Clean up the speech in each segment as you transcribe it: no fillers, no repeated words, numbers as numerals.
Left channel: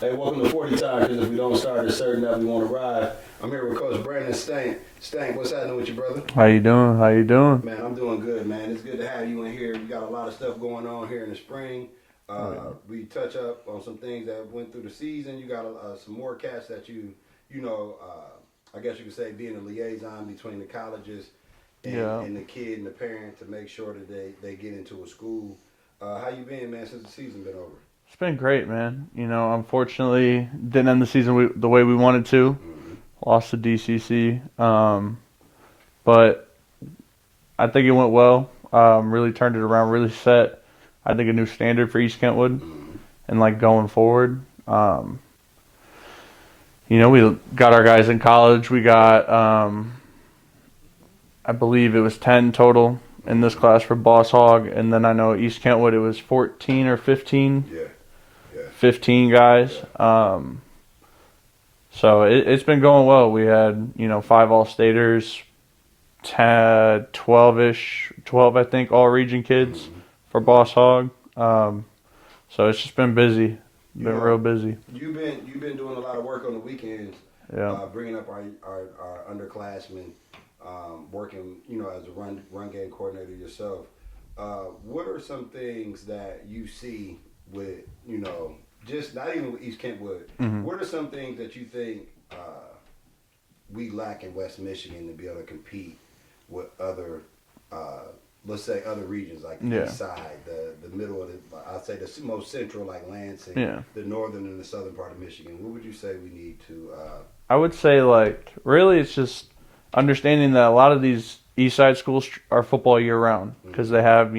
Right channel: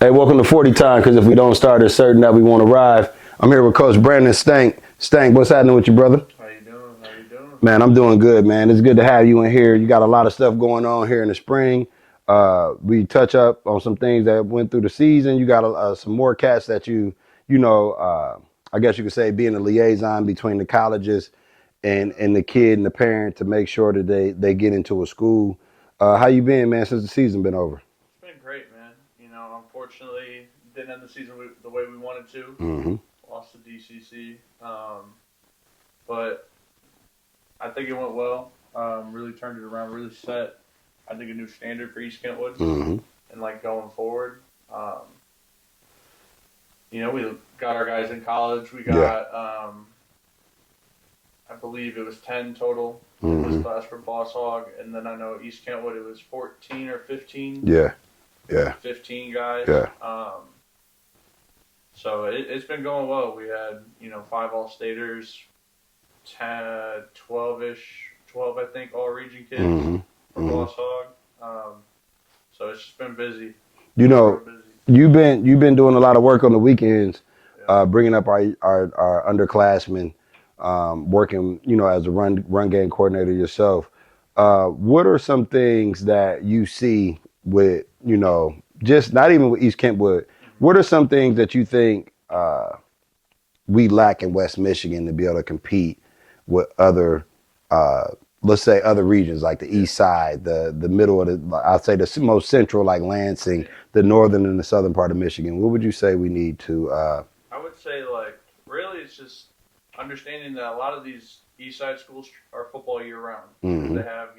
Hey, welcome to 40 time, because if we don't start, it's certain that we won't arrive. I'm here with Coach Brandon Stank. Stank, what's happening with you, brother? How you doing? How you doing? Man, I'm doing good, man. It's good to have you in here. You got a lot of stuff going on here in the spring. We touch up on some things that went through the season. You got some more cats that I guess you could say being a liaison between the colleges and the kid and the parent to make sure that they get into a school. How you been, man, since the season been over? It's been great, man. Unfortunately, didn't end the season the way we wanted to. Mm-hmm. Lost to DCC, but I think it went well. Really turned it around. Really set, I think, a new standard for East Kentwood, Mm-hmm. and going forward. We got our guys in college. We got, I believe it was 10 total in this class for Boss Hog, and then I know East Kentwood it was 14 or 15. Yeah. 15 guys. Yeah. So it's been going well. We had, 5 all-staters, 12-ish, 12, I think, all-region kids for Boss Hog. So it's just been busy. Real busy. You've been doing a lot of work on the weekends, Yeah. bringing up our underclassmen, working, as a run game coordinator yourself. What are some things that you see with, just not even with East Kentwood, what are some things that you think we lack in West Michigan to be able to compete with other, let's say other regions like the East Side, the middle of I'd say the most central like Lansing, the northern and the southern part of Michigan? What would you say we need to? I would say really it's just understanding that a lot of these East Side schools are football year round because they have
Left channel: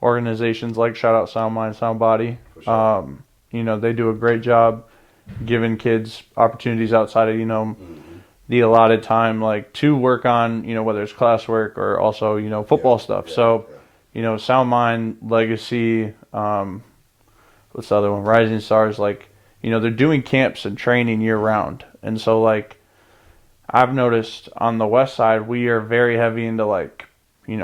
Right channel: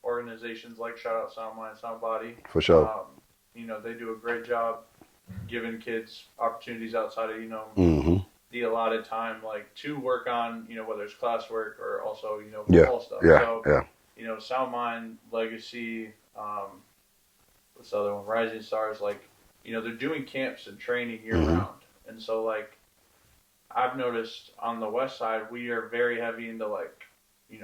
organizations like shout out Sound Mind, Sound Body. For sure. They do a great job giving kids opportunities outside of the allotted time, to work on whether it's classwork or also football stuff. Sound Mind, Legacy, what's the other one? Rising Stars. They're doing camps and training year round, and so I've noticed on the west side we are very heavy into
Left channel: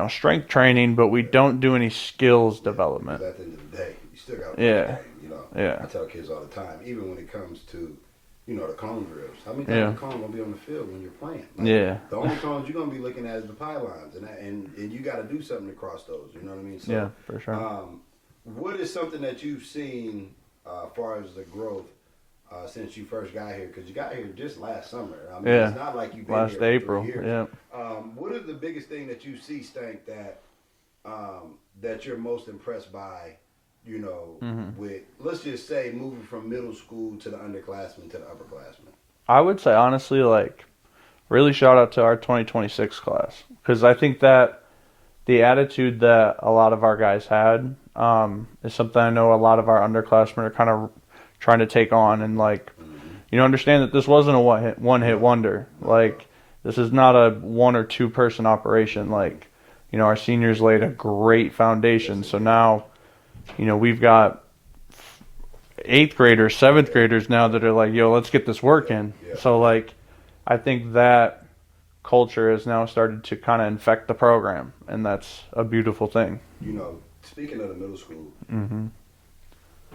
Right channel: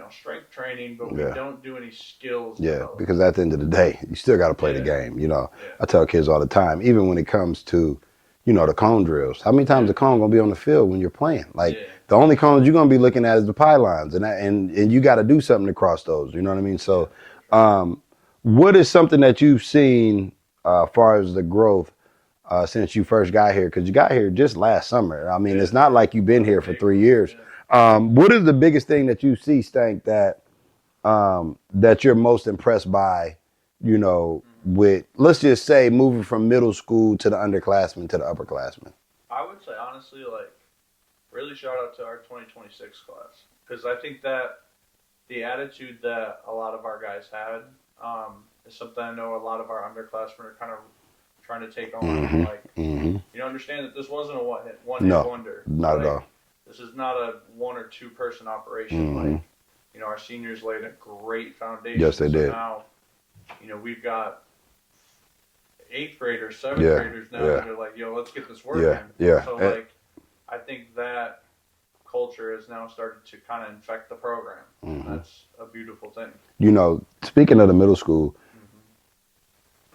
strength training, but we don't do any skills development. Because at the end of the day, you still got to play the game. I tell kids all the time, even when it comes to, the cone drills. How many times the cone gonna be on the field when you're playing? The only cones you're gonna be looking at is the pylons, and you got to do something to cross those. You know what I mean? So, for sure. What is something that you've seen as far as the growth since you first got here? Because you got here just last summer. I mean, it's not like you've been Last here for April. 3 years. Yeah. What is the biggest thing that you see, Stank, that you're most impressed by? With, let's just say, moving from middle school to the underclassmen to the upperclassmen? I would say, honestly, really shout out to our 2026 class. Because I think that the attitude that a lot of our guys had is something I know a lot of our underclassmen are kind of trying to take on. And, understand that this wasn't a one-hit wonder. This is not a 1 or 2 person operation. Our seniors laid a great foundation. Yes, they so did. now, we've got 8th graders, 7th graders now that are let's get this working. So I think that culture has now started to kind of infect the program, and that's a beautiful thing. Speaking of the middle school,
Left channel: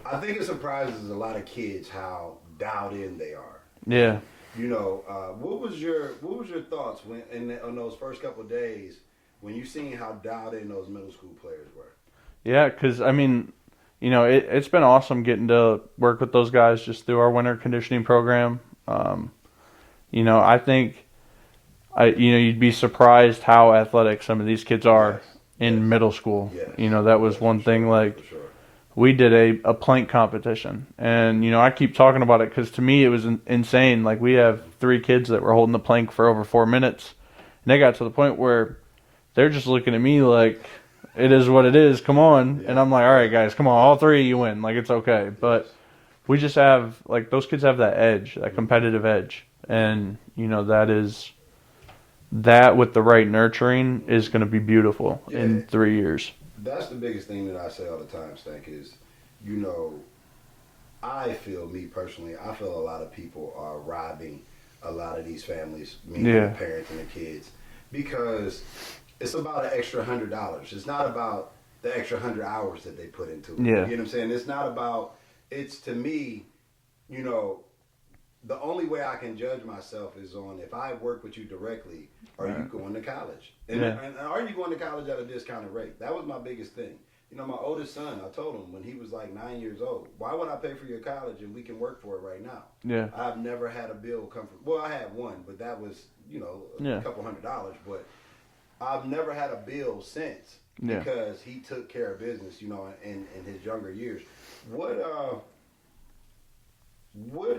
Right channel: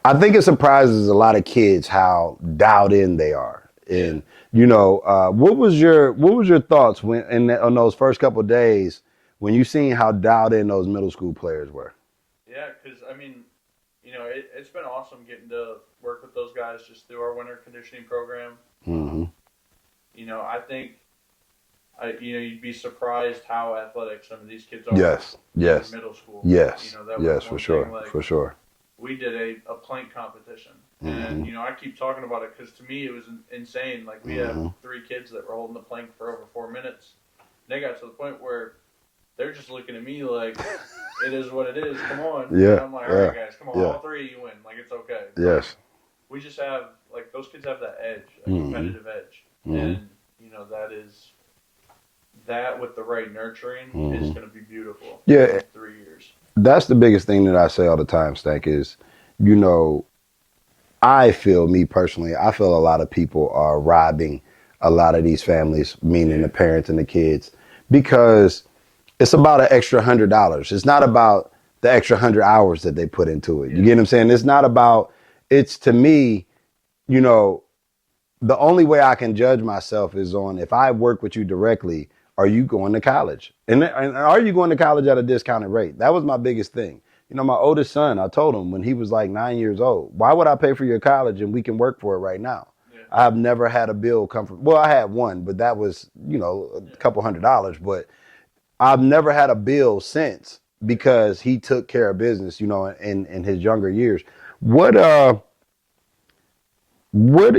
I think it surprises a lot of kids how dialed in they are. Yeah. And, what was your thoughts on those first couple of days when you seen how dialed in those middle school players were? Yeah, because, it's been awesome getting to work with those guys just through our winter conditioning program. I think, you'd be surprised how athletic some of these kids are in middle school. Yes. That was one thing, for sure. We did a plank competition, and, I keep talking about it because to me it was insane. We have 3 kids that were holding the plank for over 4 minutes, and they got to the point where they're just looking at me like, it is what it is, come on. And I'm like, all right, guys, come on, all 3 of you win. It's okay. But we just have, those kids have that edge, that competitive edge. And, that with the right nurturing is going to be beautiful in 3 years. That's the biggest thing that I say all the time, Stank, is, I feel a lot of people are robbing a lot of these families, meaning the parents and the kids, because it's about an extra $100. It's not about the extra 100 hours that they put into it. You get what I'm saying? It's not about, it's, to me, you know, the only way I can judge myself is on if I work with you directly, are you going to college? And are you going to college at a discounted rate? That was my biggest thing. You know, my oldest son, I told him when he was like 9 years old, why would I pay for your college and we can work for it right now? Yeah. I've never had a bill come from, well, I had one, but that was, you know, a couple $100s. But I've never had a bill since because he took care of business, you know, in his younger years. What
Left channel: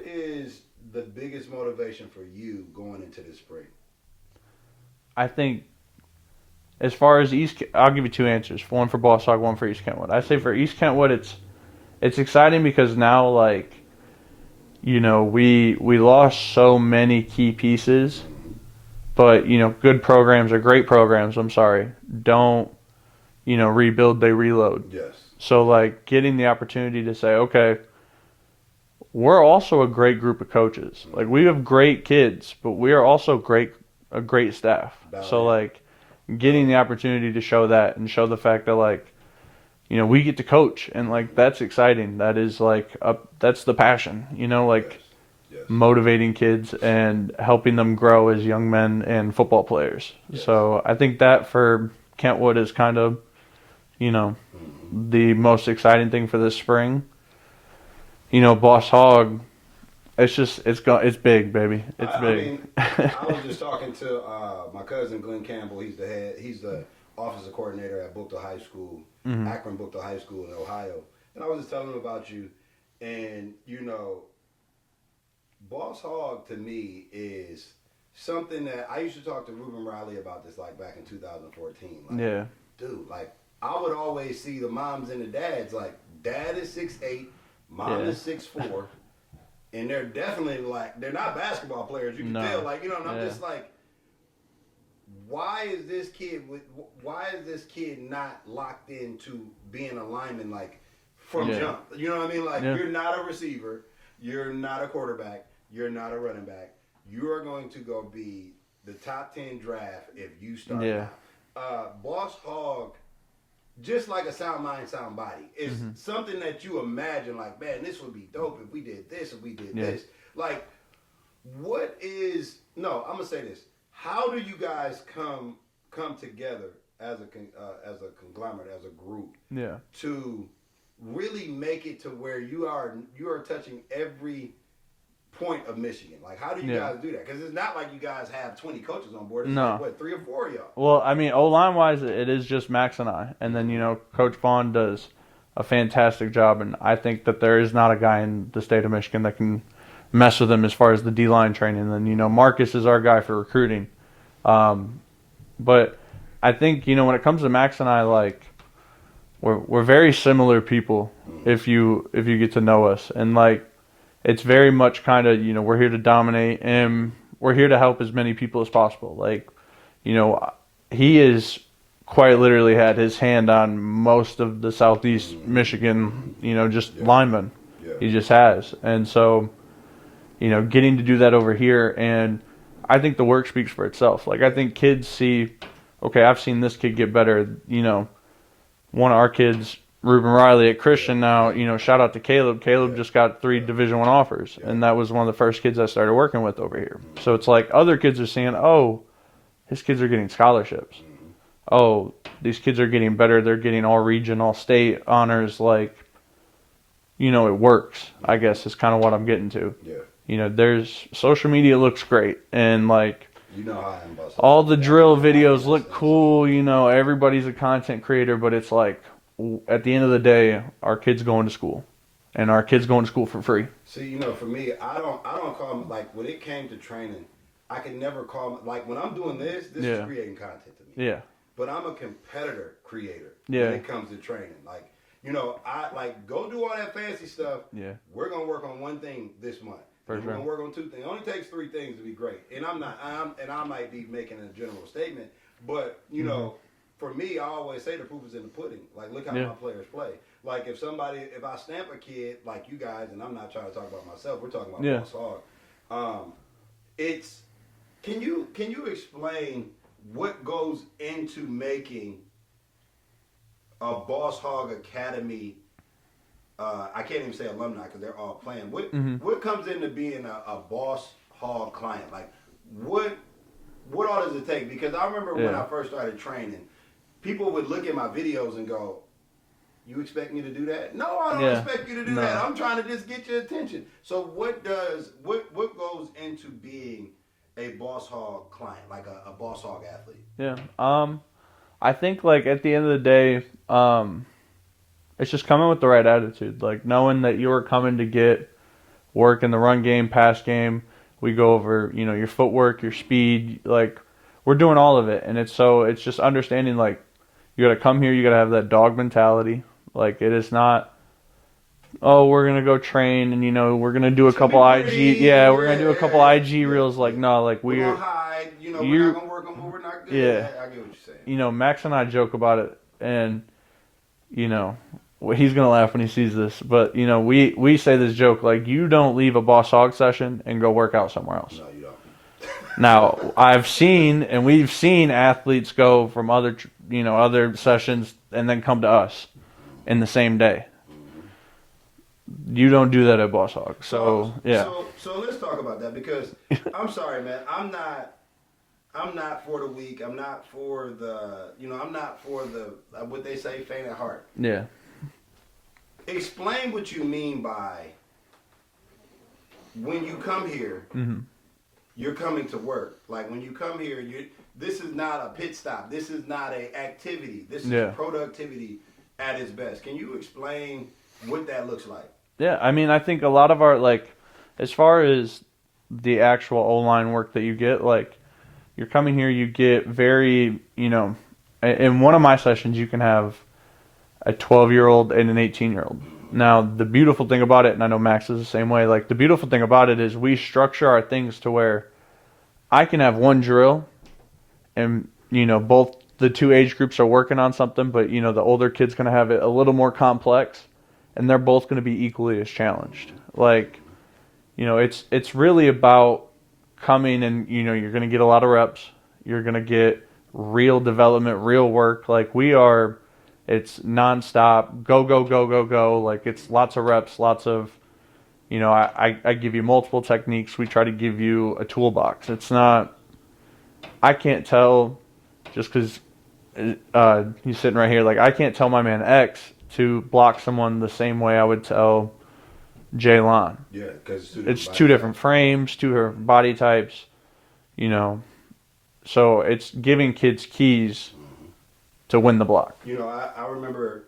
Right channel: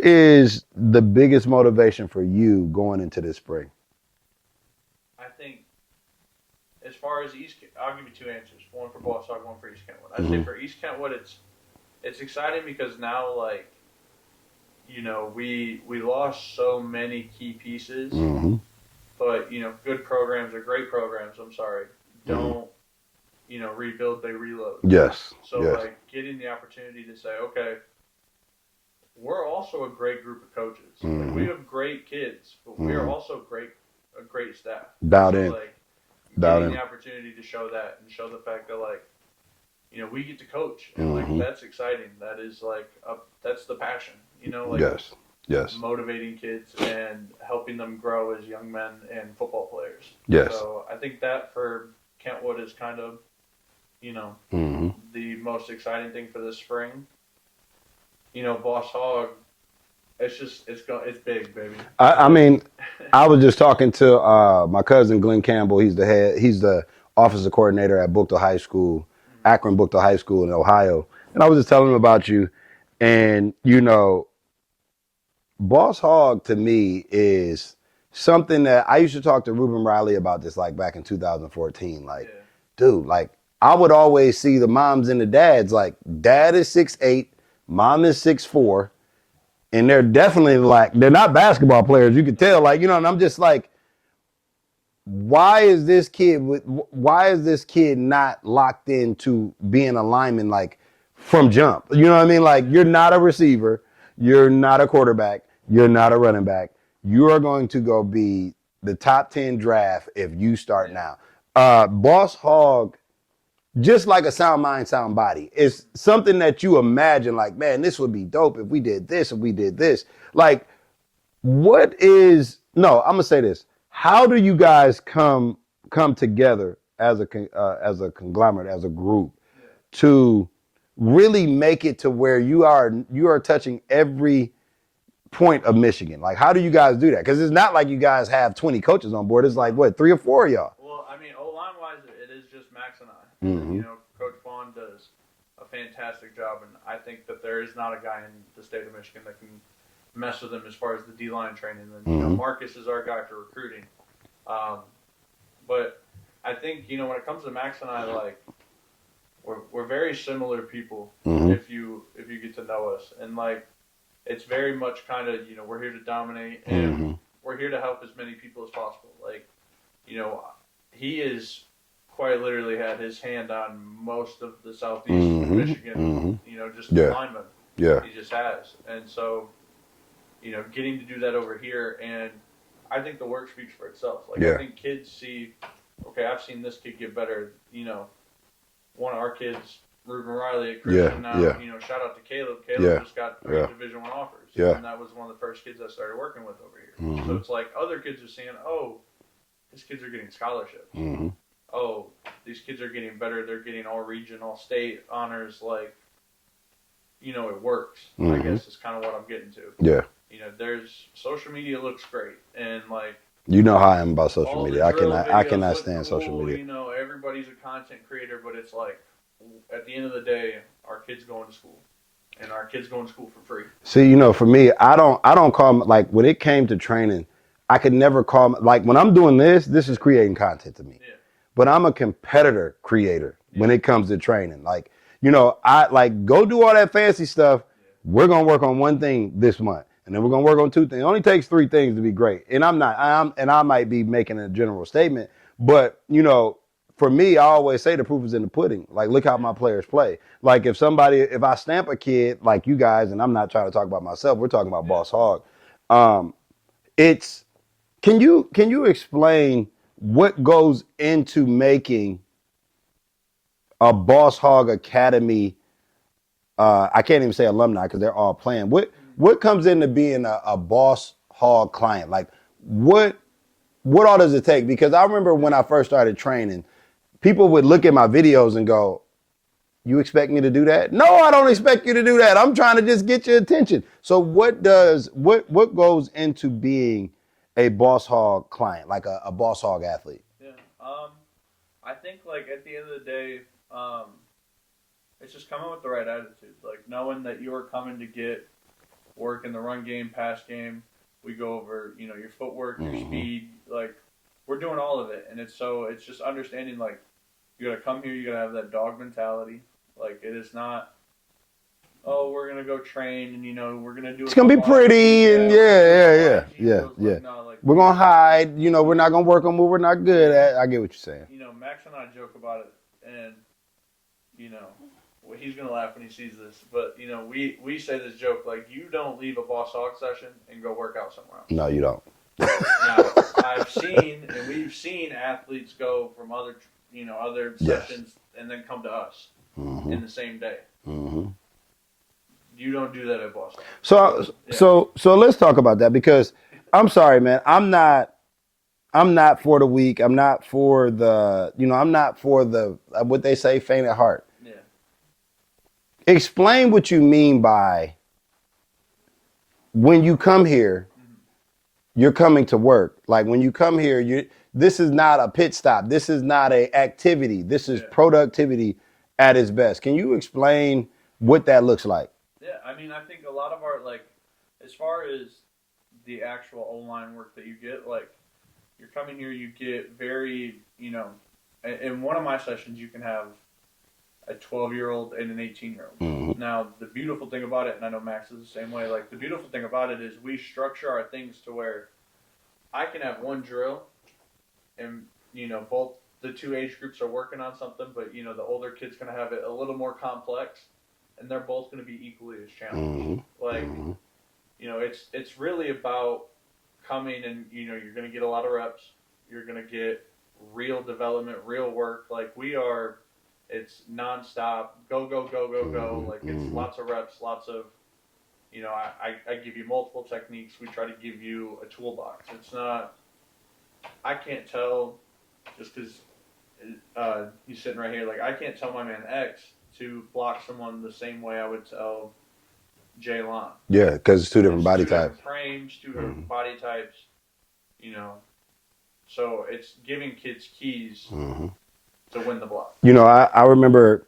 is the biggest motivation for you going into this spring? I think as far as I'll give you two answers. One for Boss Hog, one for East Kentwood. I'd say for East Kentwood, it's exciting because now, like, you know, we lost so many key pieces, but, you know, good programs or great programs, I'm sorry, don't, you know, rebuild, they reload. Yes. So, like, getting the opportunity to say, okay, we're also a great group of coaches. Like, we have great kids, but we are also a great staff. Like, getting the opportunity to show that and show the fact that, like, you know, we get to coach and like that's exciting. That is like that's the passion, you know, like motivating kids and helping them grow as young men and football players. So I think that for Kentwood is kind of, you know, the most exciting thing for this spring. You know, Boss Hog, it's big, baby. I mean, I was just talking to my cousin Glenn Campbell. He's the offensive coordinator at Bookto High School, Akron Bookto High School in Ohio. And I was just telling him about you. And, you know, Boss Hog to me is something that I used to talk to Ruben Riley about this like back in 2014. Like, dude, like I would always see the moms and the dads, like dad is 6'8", mom is 6'4", and they're definitely like, they're not basketball players. You can tell, like, you know, and I'm just like, why is this kid not locked into being a lineman like from jump? You know what I mean? Like you're not a receiver, you're not a quarterback, you're not a running back. You are going to go be the top 10 draft if you start now. Boss Hog, just like a sound mind, sound body, is something that you imagine like, man, this would be dope if we did this, if we did this. Like, I'm gonna say this. How do you guys come together as a conglomerate, as a group, to really make it to where you are touching every point of Michigan? Like, how do you guys do that? Because it's not like you guys have 20 coaches on board. It's like, what, 3 or 4 of y'all? Well, I mean, O-line wise, it is just Max and I. And then, you know, Coach Vaughn does a fantastic job. And I think that there is not a guy in the state of Michigan that can mess with him as far as the D-line training. And then, you know, Marcus is our guy for recruiting. But I think, you know, when it comes to Max and I, like, we're very similar people if you get to know us. And, like, it's very much kind of, you know, we're here to dominate and we're here to help as many people as possible. Like, you know, he is quite literally had his hand on most of the Southeast Michigan, you know, just linemen. He just has. And so, you know, getting to do that over here, and I think the work speaks for itself. Like, I think kids see, okay, I've seen this kid get better. You know, one of our kids, Ruben Riley at Christian now, you know, shout out to Caleb. Caleb just got 3 Division I offers, and that was one of the first kids I started working with over here. So it's like other kids are seeing, oh, his kids are getting scholarships. Oh, these kids are getting better. They're getting all region, all state honors. Like, you know, it works, I guess is kind of what I'm getting to. You know, there's social media looks great, and like, you know how I am about social all media. the drill videos look cool. You know, everybody's a content creator, but it's like, at the end of the day, our kids going to school, and our kids going to school for free. See, you know, for me, I don't call them, like, when it came to training, I could never call them, like, when I'm doing this is creating content to me. But I'm a competitor creator when it comes to training. Like, you know, I like go do all that fancy stuff. We're gonna work on one thing this month, and then we're gonna work on 2 things. It only takes 3 things to be great. And I might be making a general statement, but you know, for me, I always say the proof is in the pudding. Like, look how my players play. Like, if I stamp a kid like you guys, and I'm not trying to talk about myself, we're talking about Boss Hog. Can you explain what goes into making a Boss Hog Academy I can't even say alumni because they're all playing. What comes into being a boss hog client? Like what all does it take? Because I remember when I first started training, people would look at my videos and go, "You expect me to do that?" No, I don't expect you to do that. I'm trying to just get your attention. So what goes into being a boss hog client, like a boss hog athlete? Yeah. I think like at the end of the day, it's just coming with the right attitude. Like knowing that you are coming to get work in the run game, pass game. We go over, your footwork, your speed. Like we're doing all of it, and it's just understanding like you got to come here. You got to have that dog mentality. Like it is not. Oh, we're gonna go train, and we're gonna do a couple IG. Yeah, we're gonna do a couple IG reels. Like no, like we're gonna hide. We're not gonna work on what we're not good at. I get what you're saying. Max and I joke about it, and well, he's gonna laugh when he sees this. But we say this joke like you don't leave a boss hog session and go work out somewhere else. No, you don't. Now we've seen athletes go from other sessions and then come to us in the same day. Mm-hmm. You don't do that at Boss Hog. So let's talk about that because I'm sorry, man. I'm not for the weak. I'm not for the what they say, faint at heart. Yeah. Explain what you mean by when you come here, you're coming to work. Like when you come here, this is not a pit stop. This is not a activity. This is productivity at its best. Can you explain what that looks like? Yeah, I mean, I think a lot of our, like, as far as the actual O-line work that you get, like, you're coming here, you get very, in one of my sessions, you can have a 12-year-old and an 18-year-old. Mm-hmm. Now, the beautiful thing about it, and I know Max is the same way, like, the beautiful thing about it is we structure our things to where I can have one drill, and, both the two age groups are working on something, but, the older kid's going to have it a little more complex. And they're both going to be equally as challenged. Mm-hmm. Like, it's really about coming and, you're going to get a lot of reps. You're going to get real development, real work. Like, it's nonstop, go, go, go, go, go. Like, it's lots of reps, lots of, I give you multiple techniques. We try to give you a toolbox. It's not, I can't tell just because he's sitting right here. Like, I can't tell my man X to block someone the same way I would tell Jaylon. Yeah, because it's two different body types. Two different frames, two different body types, So it's giving kids keys to win the block. I remember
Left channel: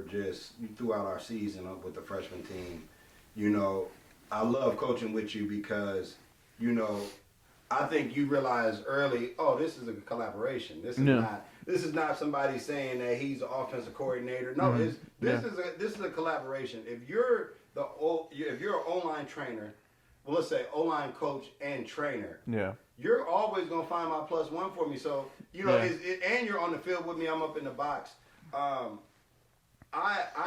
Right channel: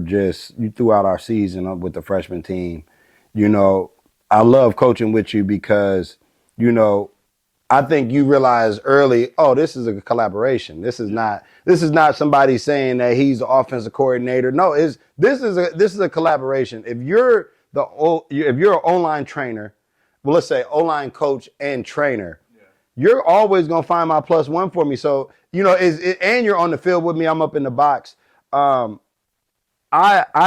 just throughout our season with the freshman team, I love coaching with you because, I think you realize early, this is a collaboration. This is not somebody saying that he's the offensive coordinator. No, this is a collaboration. If you're an O-line trainer, well, let's say O-line coach and trainer, you're always gonna find my plus one for me. So and you're on the field with me. I'm up in the box. I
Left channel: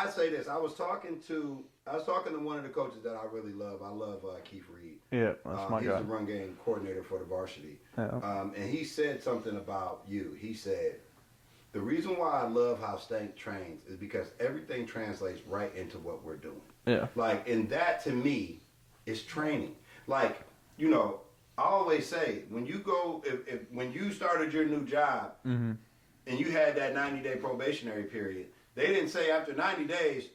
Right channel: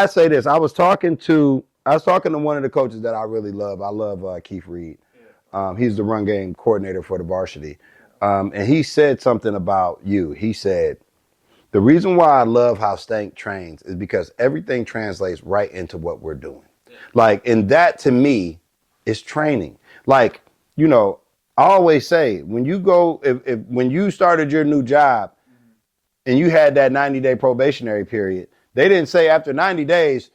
say this. I was talking to one of the coaches that I really love. I love Keith Reed. Yeah, he's the run game coordinator for the varsity. Yeah. And he said something about you. He said, the reason why I love how Stank trains is because everything translates right into what we're doing. Yeah. Like, and that to me is training. Like, I always say, when you go, when you started your new job and you had that 90-day probationary period, they didn't say after 90 days,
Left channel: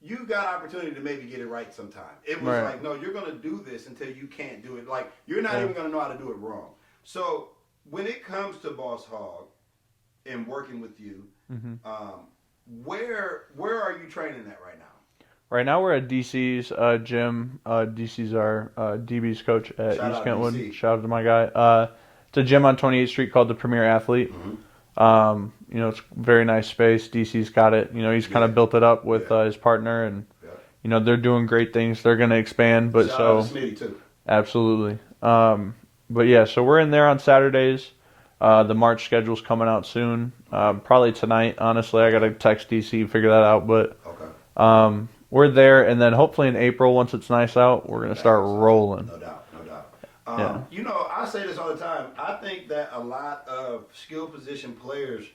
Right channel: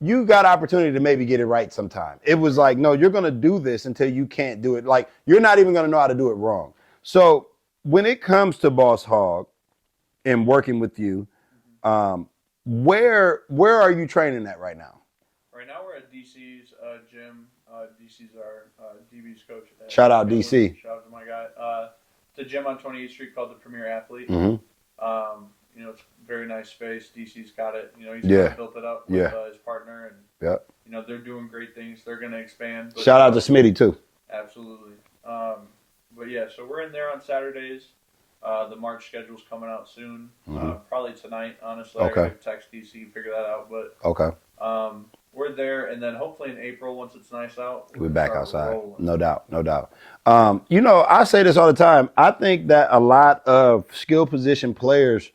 you got opportunity to maybe get it right sometime. It was like, no, you're going to do this until you can't do it. Like, you're not even going to know how to do it wrong. So when it comes to Boss Hog and working with you, where are you training at right now? Right now we're at DC's gym. DC's our DB's coach at Shout out Kentwood. DC. Shout out to my guy. It's a gym on 28th Street called the Premier Athlete. It's a very nice space. DC's got it. He's kind of built it up with his partner, and they're doing great things. They're going to expand. But shout out to Smitty too. Absolutely. But yeah, so we're in there on Saturdays. The March schedule's coming out soon. Probably tonight. Honestly, okay. I got to text DC, figure that out. But we're there, and then hopefully in April, once it's nice out, we're going to start rolling. No doubt. I say this all the time. I think that a lot of skill position players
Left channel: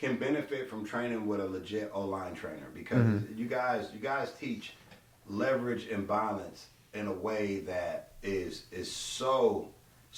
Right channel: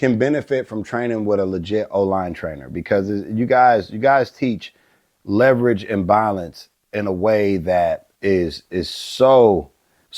can benefit from training with a legit O-line trainer because you guys teach leverage and balance in a way that is so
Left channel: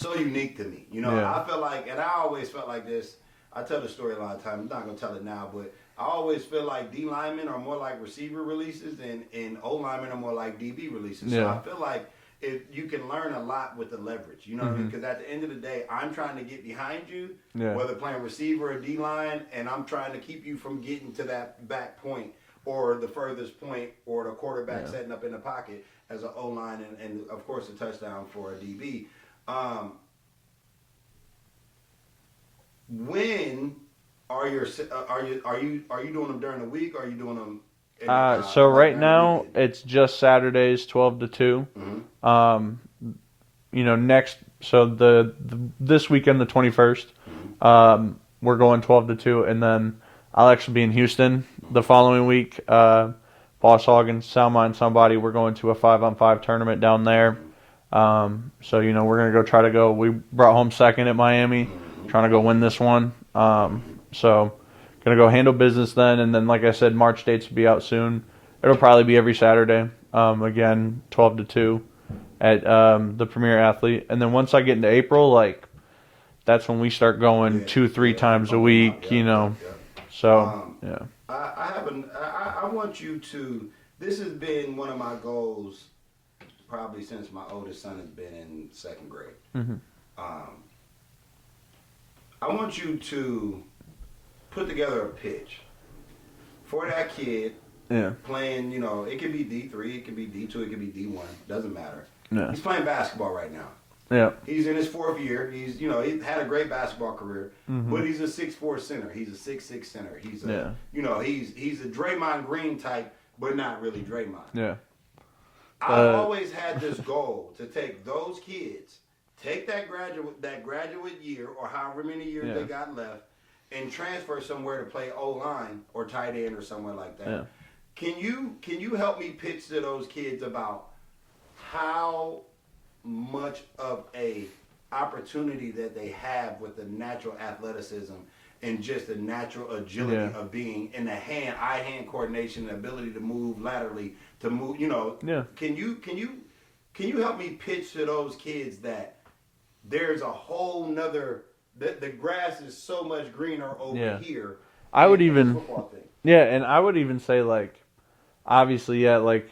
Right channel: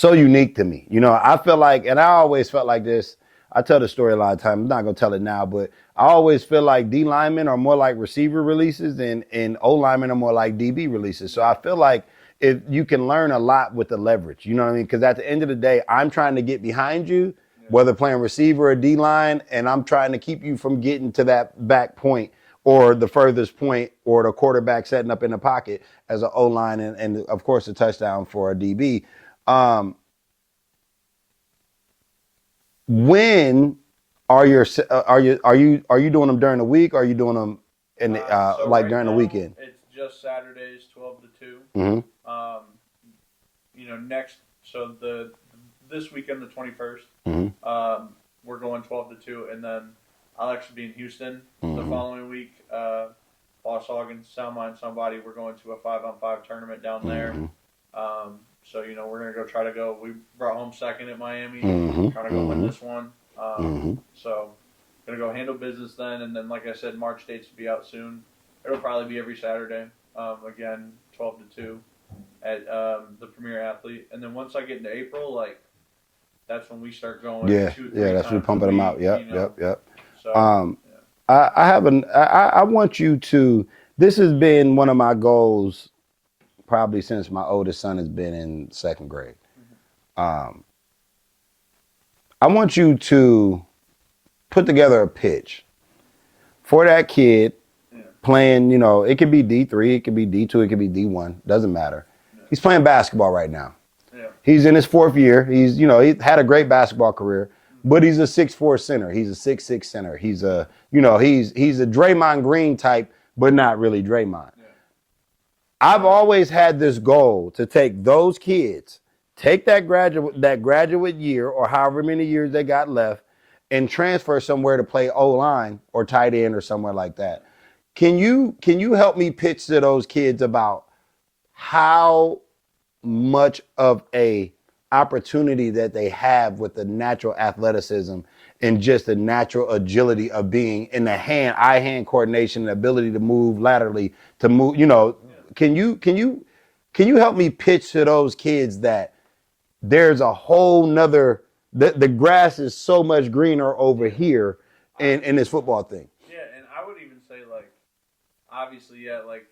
unique to me. You know, I feel like, and I always felt like this. I tell the story a lot of times. I'm not gonna tell it now, but I always feel like D linemen are more like receiver releases and O linemen are more like DB releases. So I feel like if you can learn a lot with the leverage, you know what I mean? Because at the end of the day, I'm trying to get behind you, whether playing receiver or D line, and I'm trying to keep you from getting to that back point or the furthest point or the quarterback setting up in the pocket as an O line and of course a touchdown for a DB. When are you doing them during the week? Or are you doing them so like right during now, the weekend? it's just Saturdays, 12 to 2. You know, this weekend, the 21st, we're going 12 to 2, and then I'll actually be in Houston the following week. Boss Hog and Soundmind Somebody, we're going to a 5-on-5 tournament down there. So, you know, we're going to try to go. We brought home second at Miami, trying to go win this one. So, going to go handle business then. And then, like I said, March dates will be out soon. It'll probably be every Saturday. Again, 12 to 2 at the Premier Athlete. And then once I get into April, like, that's when we start going 2-3 times a week, you know. So, I want you to, this has been one of my goals probably since my oldest son has been in second grade. I want you to put together a pitch for that kid playing, you know, it could be D3, it could be D2, it could be D1, doesn't matter. He's playing basketball right now. He's in his fourth year. He's, you know, he had a great basketball career, but he's a 6'4" center. He's a 6'6" center. He's a, you know, he's a Draymond Green type, but not really Draymond. I've always had this goal to take those kids, take that graduate year or however many years they got left, and transfer somewhere to play O-line or tight end or somewhere like that. Can you help me pitch to those kids about how much of a opportunity that they have with the natural athleticism and just the natural agility of being in the eye-hand coordination, the ability to move laterally, to move, you know, can you help me pitch to those kids that there's a whole nother, the grass is so much greener over here in this football thing. And I would even say, like, obviously, like,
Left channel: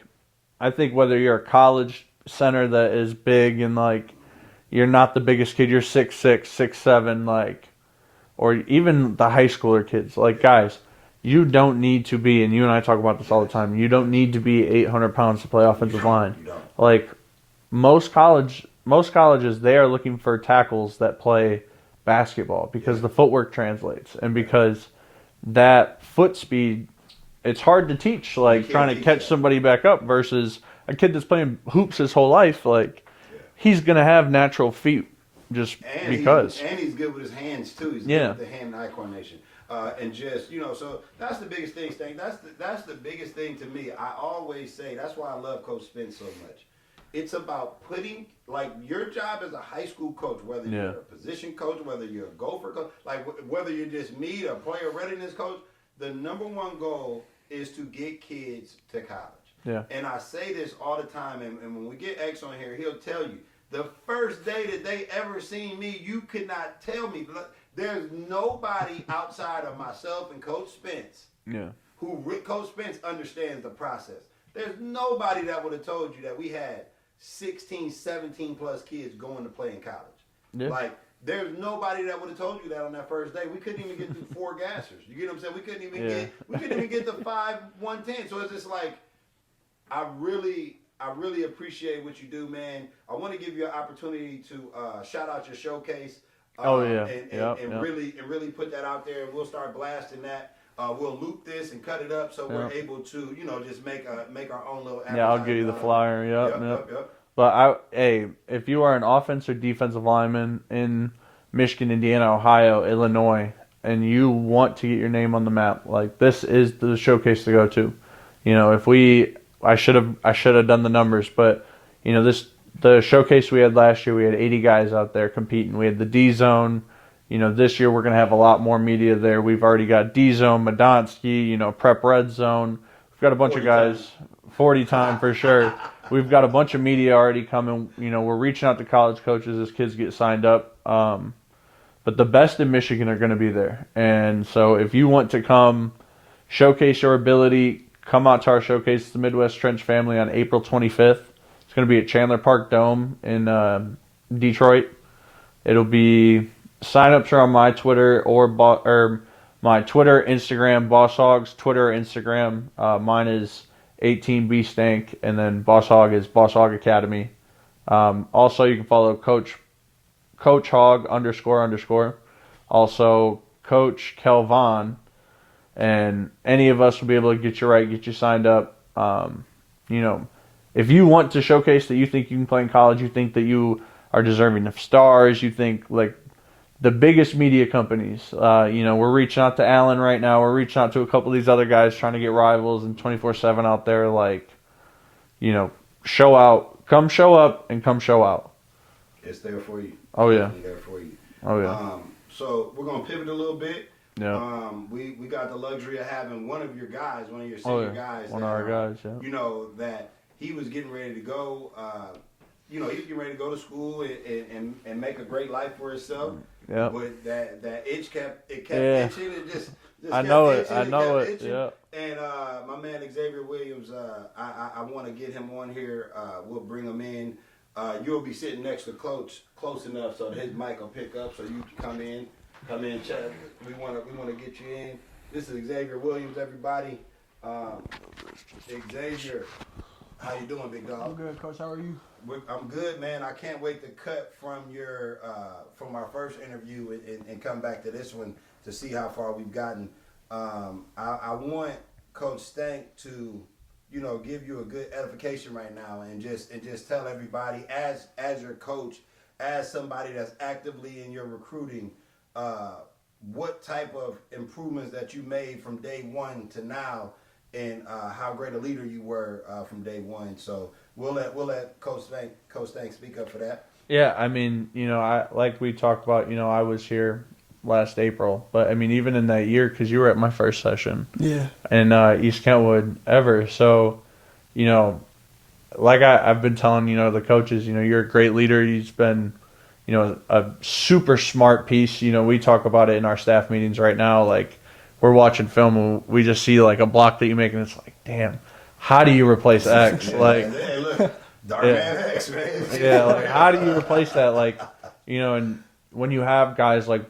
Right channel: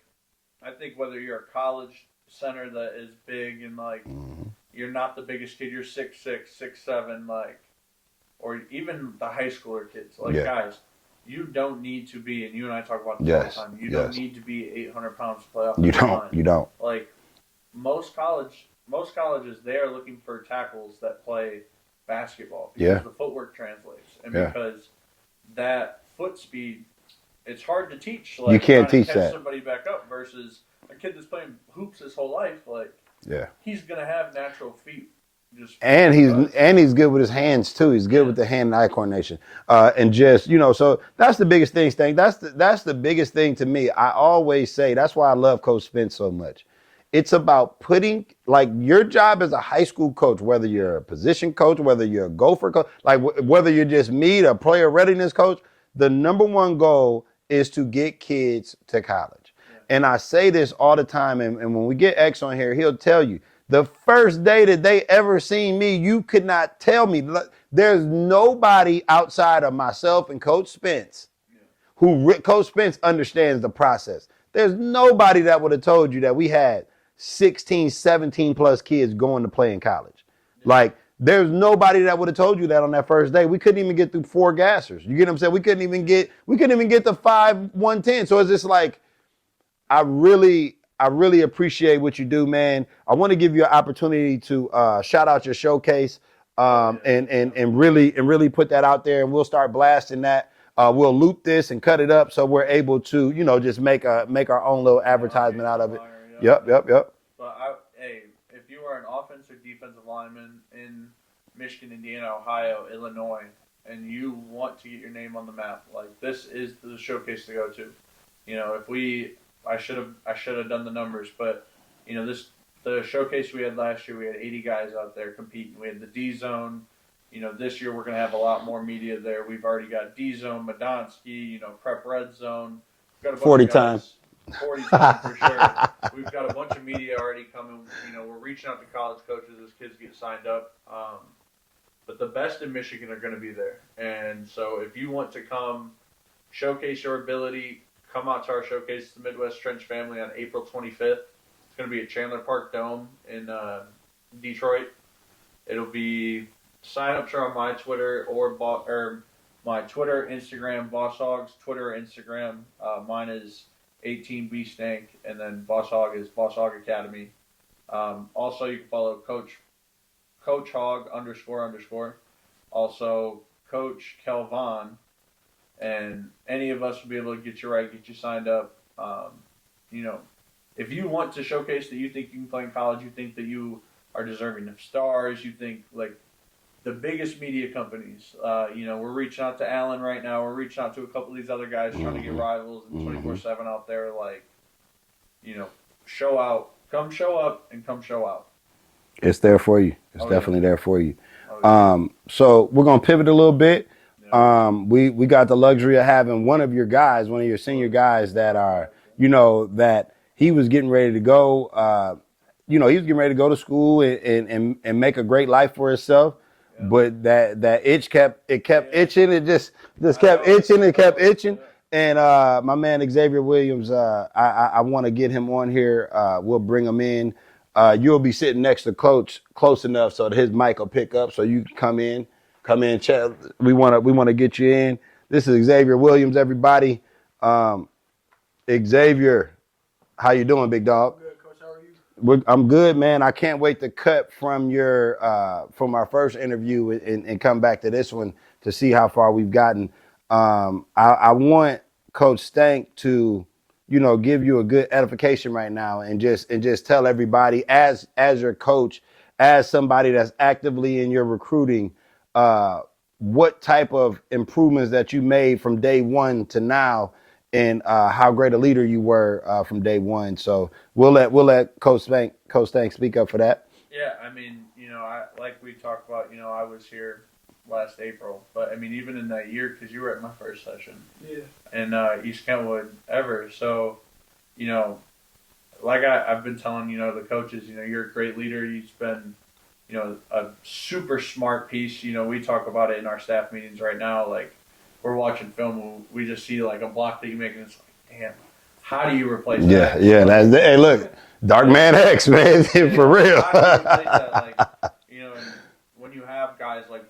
I think whether you're a college center that is big and, like, you're not the biggest kid, you're 6'6", 6'7", like, or even the high schooler kids, like, guys, you don't need to be, and you and I talk about this all the time, you don't need to be 800 pounds to play offensive line. You don't. Like, most colleges, they are looking for tackles that play basketball because the footwork translates, and because that foot speed, it's hard to teach, like, trying to catch somebody back up versus a kid that's playing hoops his whole life, like, he's going to have natural feet. And he's good with his hands too. He's good with the hand and eye coordination, and just, you know. So that's the biggest thing, Stank. That's the biggest thing to me. I always say that's why I love Coach Spence so much. It's about putting, like, your job as a high school coach, whether you're a position coach, whether you're a gopher coach, like whether you're just me, a player readiness coach. The number one goal is to get kids to college. And I say this all the time, and when we get X on here, he'll tell you. The first day that they ever seen me, you could not tell me. There's nobody outside of myself and Coach Spence Coach Spence understands the process. There's nobody that would have told you that we had 16, 17 plus kids going to play in college. Like, there's nobody that would have told you that on that first day. We couldn't even get through 4 gassers. You get what I'm saying? We couldn't even get the 5-110. So it's just like, I really appreciate what you do, man. I want to give you an opportunity to shout out your showcase and really put that out there, and we'll start blasting that. We'll loop this and cut it up so we're able to, you know, just make our own little advertisement out of it. Yep. But if you are an offensive or defensive lineman in Michigan, Indiana, Ohio, Illinois, and you want to get your name on the map, like, this is the showcase to go to. You know, I should have done the numbers, but, you know, the showcase we had last year, we had 80 guys out there competing. We had the D zone, This year we're going to have a lot more media there. We've already got D-Zone, Madonsky, Prep Red Zone. We've got a bunch of guys. Time. 40 time for sure. We've got a bunch of media already coming. We're reaching out to college coaches as kids get signed up. But the best in Michigan are going to be there. And so if you want to come showcase your ability, come out to our showcase, the Midwest Trench Family, on April 25th. It's going to be at Chandler Park Dome in Detroit. It'll be, sign-ups are on my Twitter or my Twitter, Instagram, Boss Hog's Twitter, Instagram. Mine is 18B Stank, and then Boss Hog is Boss Hog Academy. Also, you can follow Coach Hog __. Also, Coach Kelvon, and any of us will be able to get you signed up. If you want to showcase that you think you can play in college, you think that you are deserving of stars, you think like the biggest media companies, we're reaching out to Allen right now. We're reaching out to a couple of these other guys trying to get Rivals and 24/7 out there. Show out, come show up and come show out. It's there for you. It's definitely there for you. So we're going to pivot a little bit. Yeah. We got the luxury of having one of your senior guys that are, that he was getting ready to go. He was getting ready to go to school and make a great life for himself. Yeah. But that itch kept itching. It just kept itching. Yeah. And my man Xavier Williams, I want to get him on here. We'll bring him in. You'll be sitting next to Coach close enough so that his mic will pick up, so you come in, chat. We want to get you in. This is Xavier Williams, everybody. Xavier, how you doing, big dog? I'm good, Coach. How are you? I'm good, man. I can't wait to cut from from our first interview and come back to this one to see how far we've gotten. I want Coach Stank to, give you a good edification right now and just tell everybody as your coach, as somebody that's actively in your recruiting, what type of improvements that you made from day one to now, and how great a leader you were from day one. So we'll let Coach Stank speak up for that. Yeah, like we talked about, I was here last April, but even in that year, because you were at my first session. Yeah. In East Kentwood ever. So, like I've been telling, the coaches, you're a great leader. You've been, a super smart piece. We talk about it in our staff meetings right now. Like, we're watching film and we just see like a block that you make and it's like, damn, how do you replace X? Yeah, hey, look, Dark Man X, man, for real. How do you replace that? And when you have guys like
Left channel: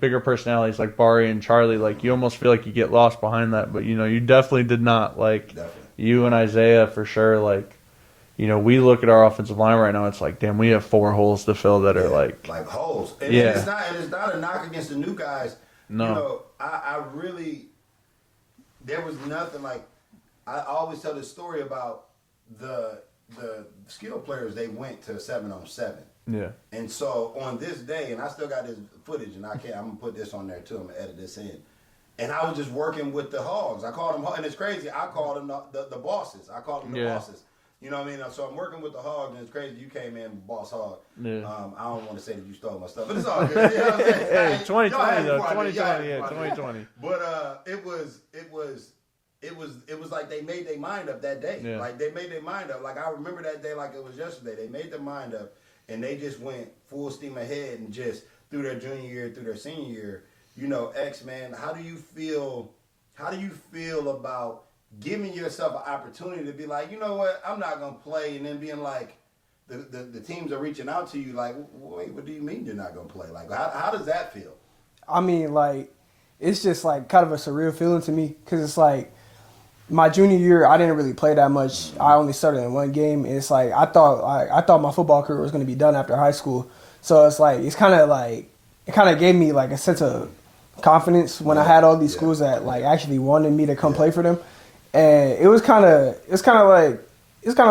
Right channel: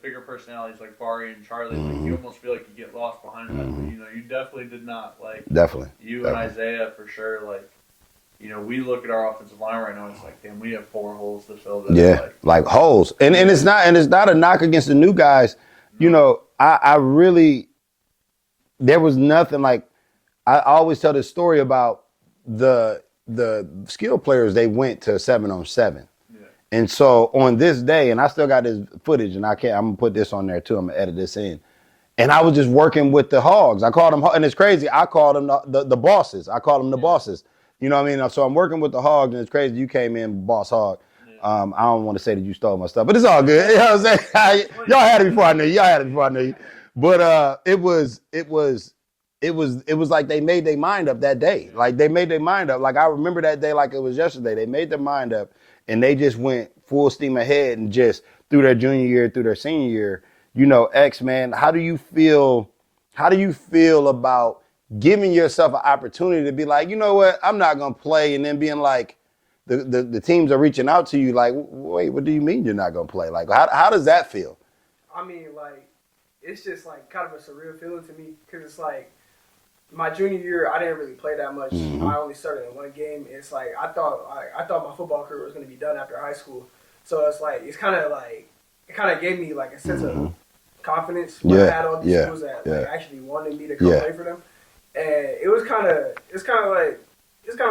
bigger personalities like Bari and Charlie, you almost feel like you get lost behind that. But you definitely did not. Definitely. You and Isaiah for sure. We look at our offensive line right now. It's like, damn, we have 4 holes to fill that are like holes. And it's not a knock against the new guys. No. I really, there was nothing I always tell this story about the skill players. They went to 7-on-7. Yeah. And so on this day, and I still got this footage, and I'm gonna put this on there too. I'm gonna edit this in. And I was just working with the Hogs. I called them, and it's crazy. I called them the bosses. I called them the bosses. You know what I mean? So I'm working with the Hogs, and it's crazy. You came in, Boss Hog. Yeah. I don't want to say that you stole my stuff, but it's all good. You know what I'm saying? Y'all had it before I knew you. But it was like they made their mind up that day. Yeah. Like they made their mind up. Like I remember that day like it was yesterday. They made their mind up, and they just went full steam ahead and just through their junior year, through their senior year. X, man, how do you feel about giving yourself an opportunity to be like, you know what, I'm not gonna play, and then being like, the teams are reaching out to you like, wait, what do you mean you're not gonna play? Like, how does that feel? It's just like kind of a surreal feeling to me because it's like my junior year I didn't really play that much. Mm-hmm. I only started in 1 game, and it's like I thought my football career was gonna be done after high school. So it's like it kind of gave me like a sense of confidence when I had all these schools that actually wanted me to come play for them. And it's kind of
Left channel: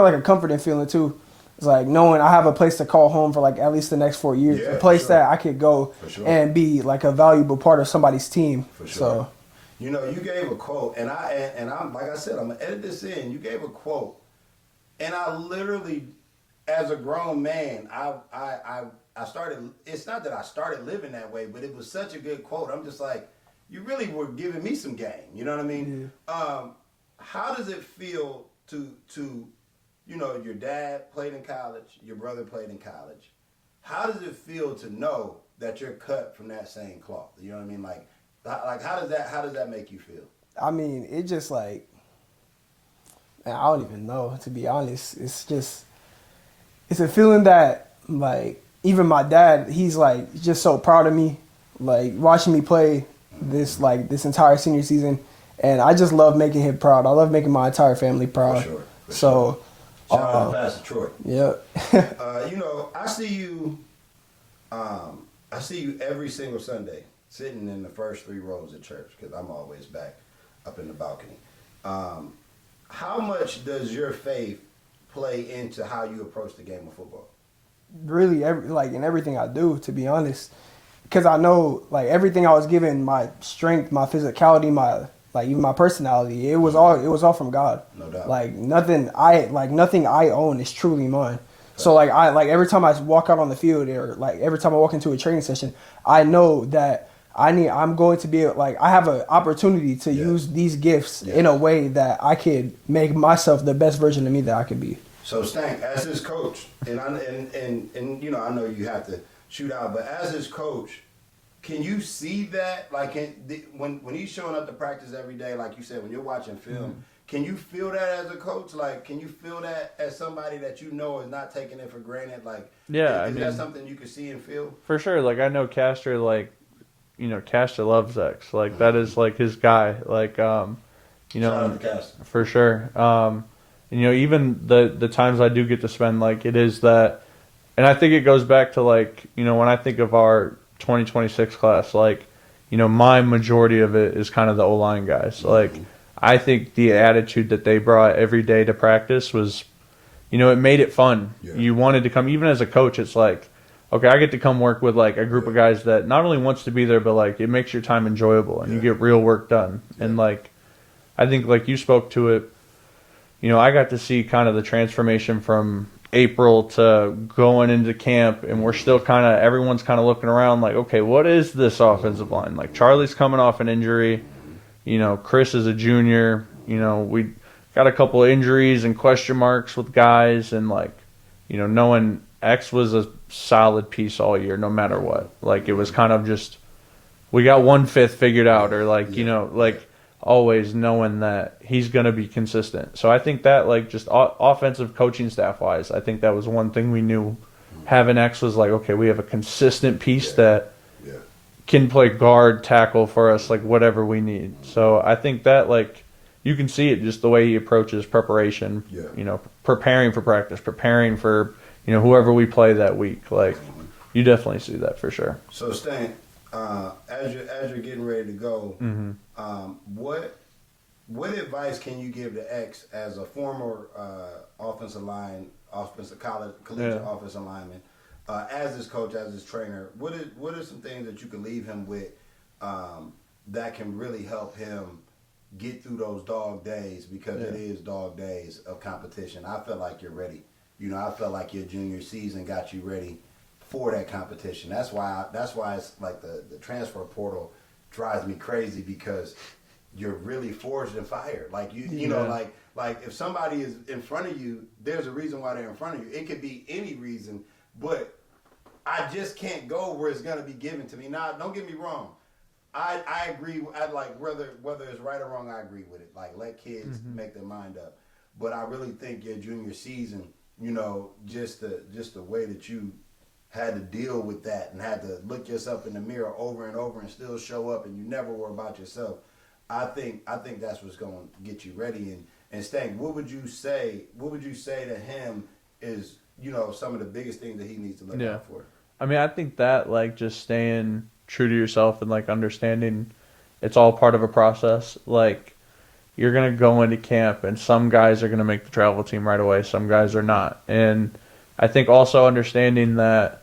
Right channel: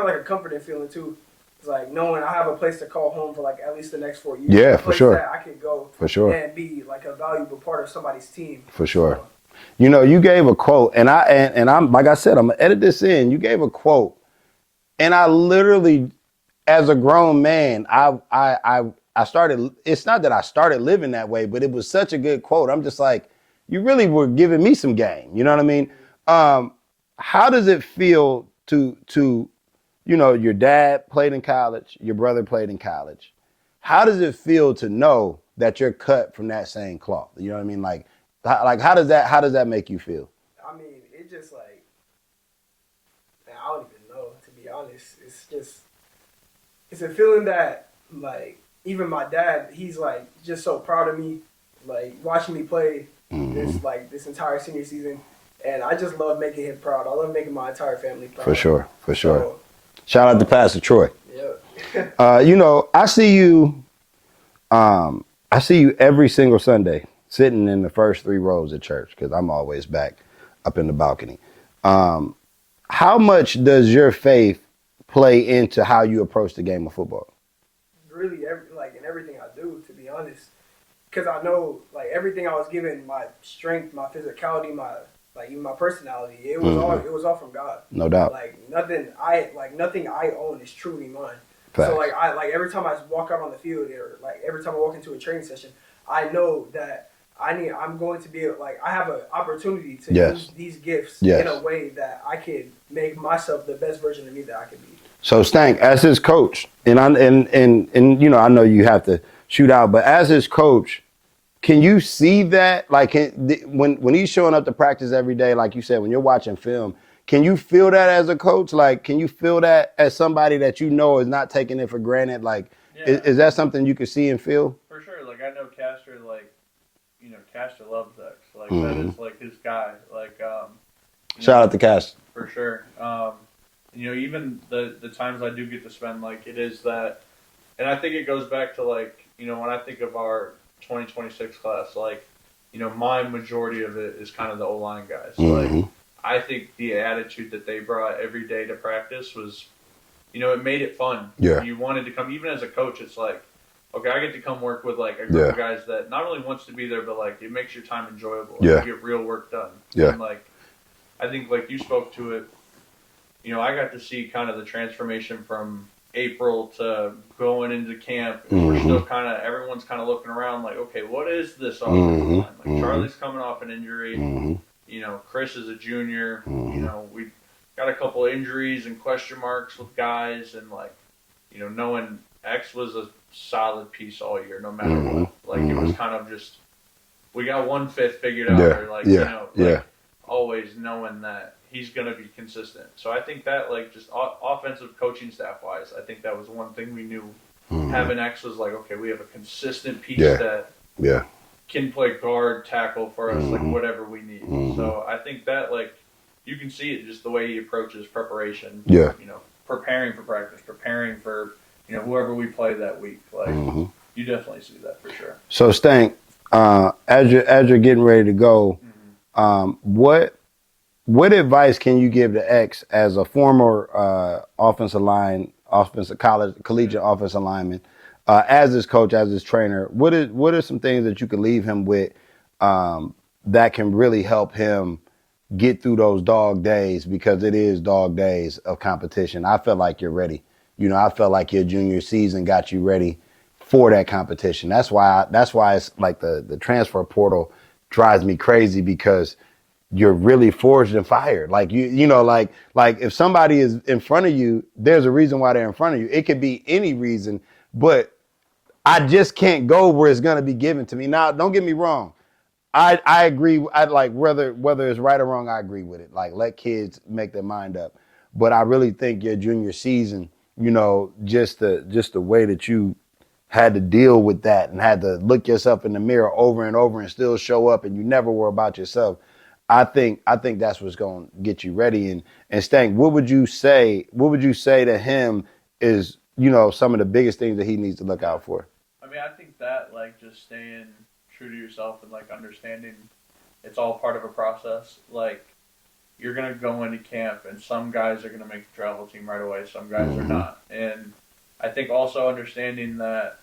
like a comforting feeling too. It's like knowing I have a place to call home for like at least the next 4 years. Yeah, a place that I could go and be like a valuable part of somebody's team. For sure. So, you gave a quote, and I'm like I said, I'm gonna edit this in. You gave a quote, and I literally, as a grown man, I it's not that I started living that way, but it was such a good quote. I'm just like, you really were giving me some game. You know what I mean? How does it feel to your dad played in college, your brother played in college. How does it feel to know that you're cut from that same cloth? You know what I mean? Like how does that make you feel? I mean, it just like, man, I don't even know, to be honest. It's a feeling that, like, even my dad, he's like just so proud of me, like watching me play this entire senior season, and I just love making him proud. I love making my entire family proud. For sure. Shout out to Pastor Troy. Yep. I see you. I see you every single Sunday sitting in the first 3 rows at church because I'm always back up in the balcony. How much does your faith play into how you approach the game of football? Really, in everything I do, to be honest, because I know, like, everything I was given, my strength, my physicality, even my personality, it was all from God. No doubt. Like nothing I own is truly mine. Fact. So every time I walk out on the field, or like every time I walk into a training session, I know that I'm going to be I have an opportunity to use these gifts in a way that I could make myself the best version of me that I could be. So Stank, as his coach, and I know you have to shoot out, but as his coach, can you see that? Like when he's showing up to practice every day, like you said, when you're watching film, can you feel that as a coach? Like, can you feel that as somebody that you know is not taking it for granted? Like, is that something you can see and feel? For sure. Like, I know Castor, Castor loves X. Like, that is, like, his guy. Like, shout out to Castor. For sure. Even the times I do get to spend, like, it is that, and I think it goes back to, like, when I think of our 2026 class, like, my majority of it is kind of the O-line guys. Like, I think the attitude that they brought every day to practice was, it made it fun. Yeah. You wanted to come, even as a coach, it's like, okay, I get to come work with, like, a group of guys that not only wants to be there, but, like, it makes your time enjoyable and you get real work done. Yeah. And, like, I think, like, you spoke to it, I got to see kind of the transformation from April to going into camp, and we're still everyone's kind of looking around like, okay, what is this offensive line? Like, Charlie's coming off an injury. Chris is a junior. We got a couple of injuries and question marks with guys, and, like, knowing X was a solid piece all year, no matter what. Like, it was kind of just, we got 1/5 figured out, or always knowing that he's going to be consistent. So I think that, like, just offensive coaching staff wise, I think that was one thing we knew. Having X was like, okay, we have a consistent piece that can play guard, tackle for us, like, whatever we need. So I think that, like, you can see it just the way he approaches preparation. Preparing for practice, preparing for, whoever we play that week. Like, you definitely see that for sure. So Stank, as you're getting ready to go, what advice can you give to X as a former collegiate offensive lineman, as his coach, as his trainer? What are some things that you could leave him with that can really help him get through those dog days, because it is dog days of competition? I feel like you're ready. I felt like your junior season got you ready for that competition. That's why it's like the transfer portal drives me crazy, because you're really forged and fired. Like like if somebody is in front of you, there's a reason why they're in front of you. It could be any reason, but I just can't go where it's gonna be given to me. Now, don't get me wrong. I agree. I like whether it's right or wrong, I agree with it. Like, let kids make their mind up. But I really think your junior season, just the way that you had to deal with that and had to look yourself in the mirror over and over and still show up, and you never were about yourself. I think that's what's going to get you ready. And Stank, what would you say to him is, some of the biggest things that he needs to look out for? I mean, I think that, like, just staying true to yourself and, like, understanding it's all part of a process. Like, you're going to go into camp, and some guys are going to make the travel team right away. Some guys are not. And I think also understanding that,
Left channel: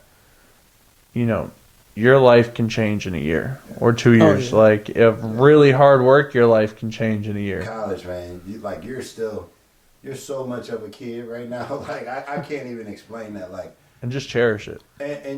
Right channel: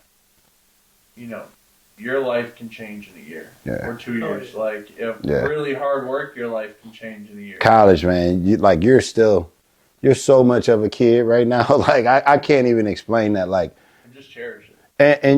your life can change in a year or 2 years. Like, if really hard work, your life can change in a year. College, man, you're so much of a kid right now. Like, I can't even explain that. Like, and just cherish it.